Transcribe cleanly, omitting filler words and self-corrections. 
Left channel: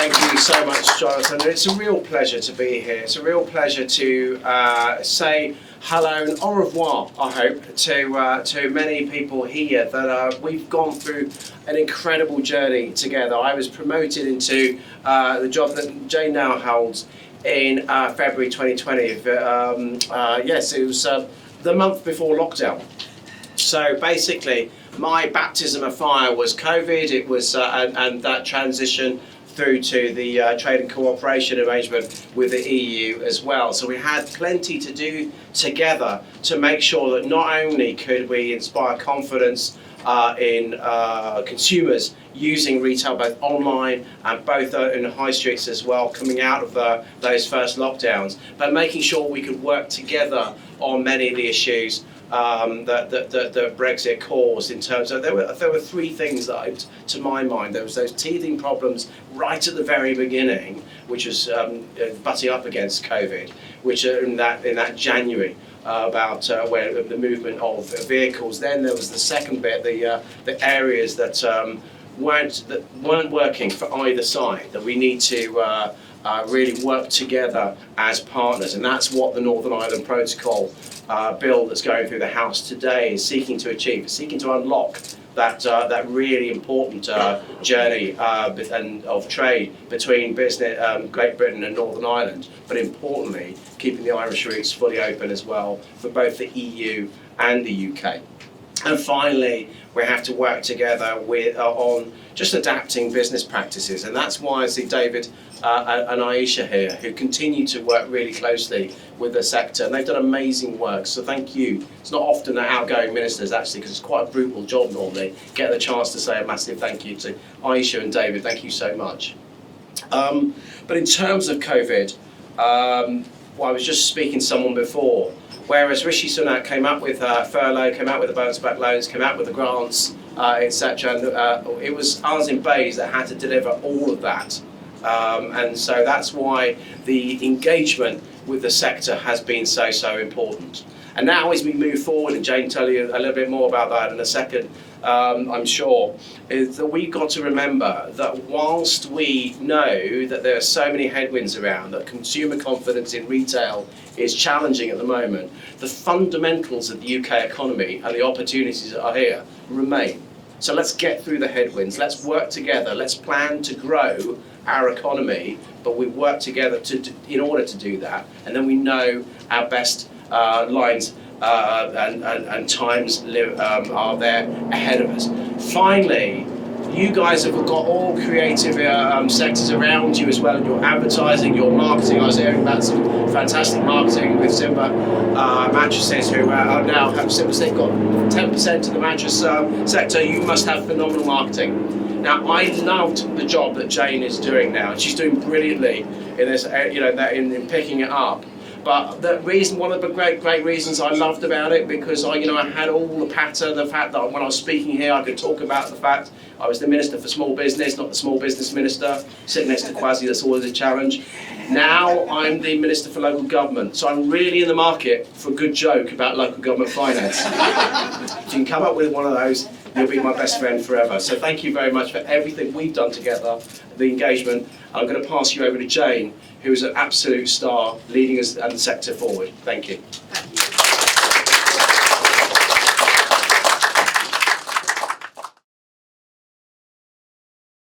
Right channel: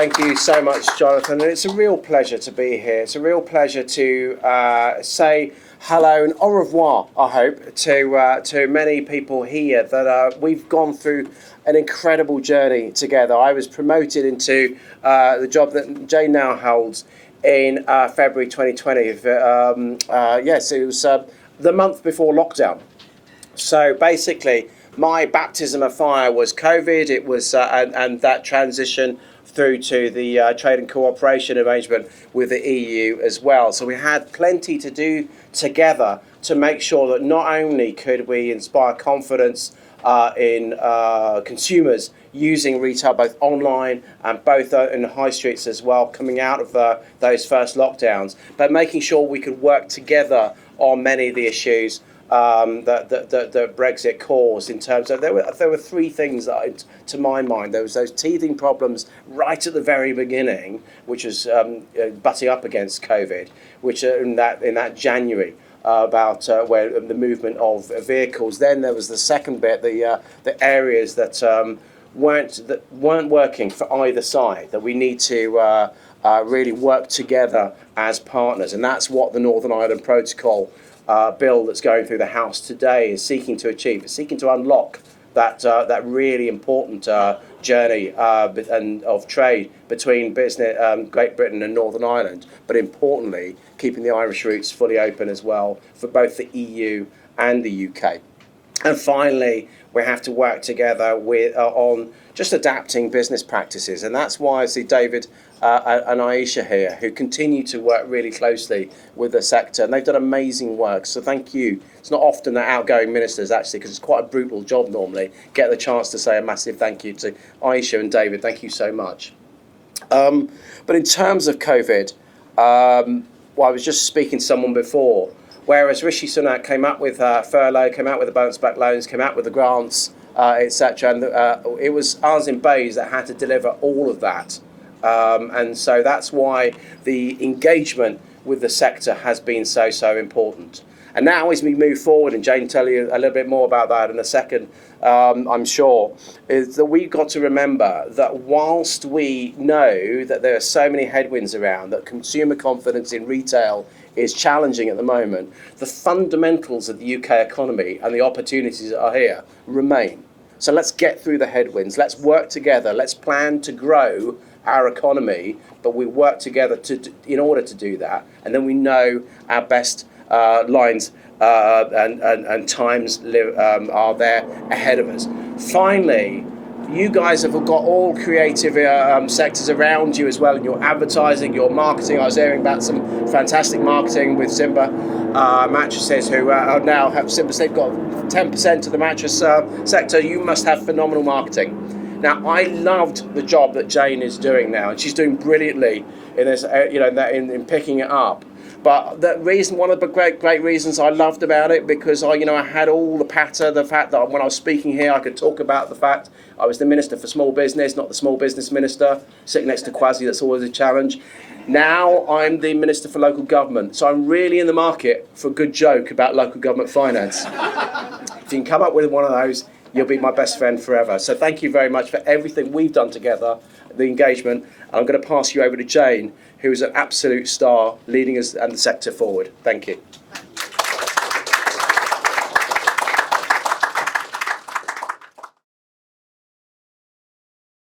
Thank you so much, Jonathan. It's a real pleasure to be here. It's a real pleasure to say hello and au revoir, I hope, to many people here that we've gone through an incredible journey together. I was promoted into the job that Jane now holds in February 2020. Yes, it was the month before lockdown. So basically, my baptism of fire was COVID. It was and that transition through to the trade and cooperation arrangement with the EU as well. So we had plenty to do together to make sure that not only could we inspire confidence in consumers using retail both online and both in the high streets as well, coming out of those first lockdowns, but making sure we could work together on many of the issues that Brexit caused. In terms of there were three things that, to my mind, there was those teething problems right at the very beginning, which was butting up against COVID, which in that January. About where the movement of vehicles. Then there was the second bit, the areas that weren't working for either side. That we need to really work together as partners, and that's what the Northern Ireland Protocol bill that's going through the House today is seeking to achieve. It's seeking to unlock that really important journey and of trade between Great Britain and Northern Ireland, but importantly, keeping the Irish routes fully open as well for both the EU and the UK. And finally, we have to work together on just adapting business practices, and that's why I see David and Aisha here, who continue to work really closely with the sector, and they've done amazing work, so thank you. It's not often that outgoing ministers, actually, because it's quite a brutal job normally, get the chance to say a massive thank you to Aisha and David. Thank you so much. But in terms of COVID, well, I was just speaking to someone before, whereas Rishi Sunak came up with furlough, came out with the bounce back loans, came out with the grants, etc. And it was us in Bays that had to deliver all of that. And so that's why the engagement with the sector has been so important. And now as we move forward, and Jane will tell you a little bit more about that in a second, I'm sure, is that we've got to remember that whilst we know that there are so many headwinds around, that consumer confidence in retail is challenging at the moment, the fundamentals of the UK economy and the opportunities that are here remain. So let's get through the headwinds, let's work together, let's plan to grow our economy, but we work together in order to do that, and then we know our best lines and times are there ahead of us. Finally, you guys have got all creative sectors around you as well, in your advertising, your marketing. I was hearing about some fantastic marketing with Simba mattresses, who are now have Simba. They've got 10% of the mattress sector. You must have phenomenal marketing. Now, I loved the job that Jane is doing now, and she's doing brilliantly in this, in picking it up. But the reason, one of the great reasons I loved about it, because I had all the patter, the fact that when I was speaking here, I could talk about the fact I was the Minister for Small Business, not the Small Business Minister, sitting next to Kwasi. That's always a challenge. Now I'm the Minister for Local Government, so I'm really in the market for a good joke about local government finance. If you can come up with one of those, you'll be my best friend forever. So thank you very much for everything we've done together, the engagement. I'm going to pass you over to Jane, who is an absolute star leading us and the sector forward. Thank you.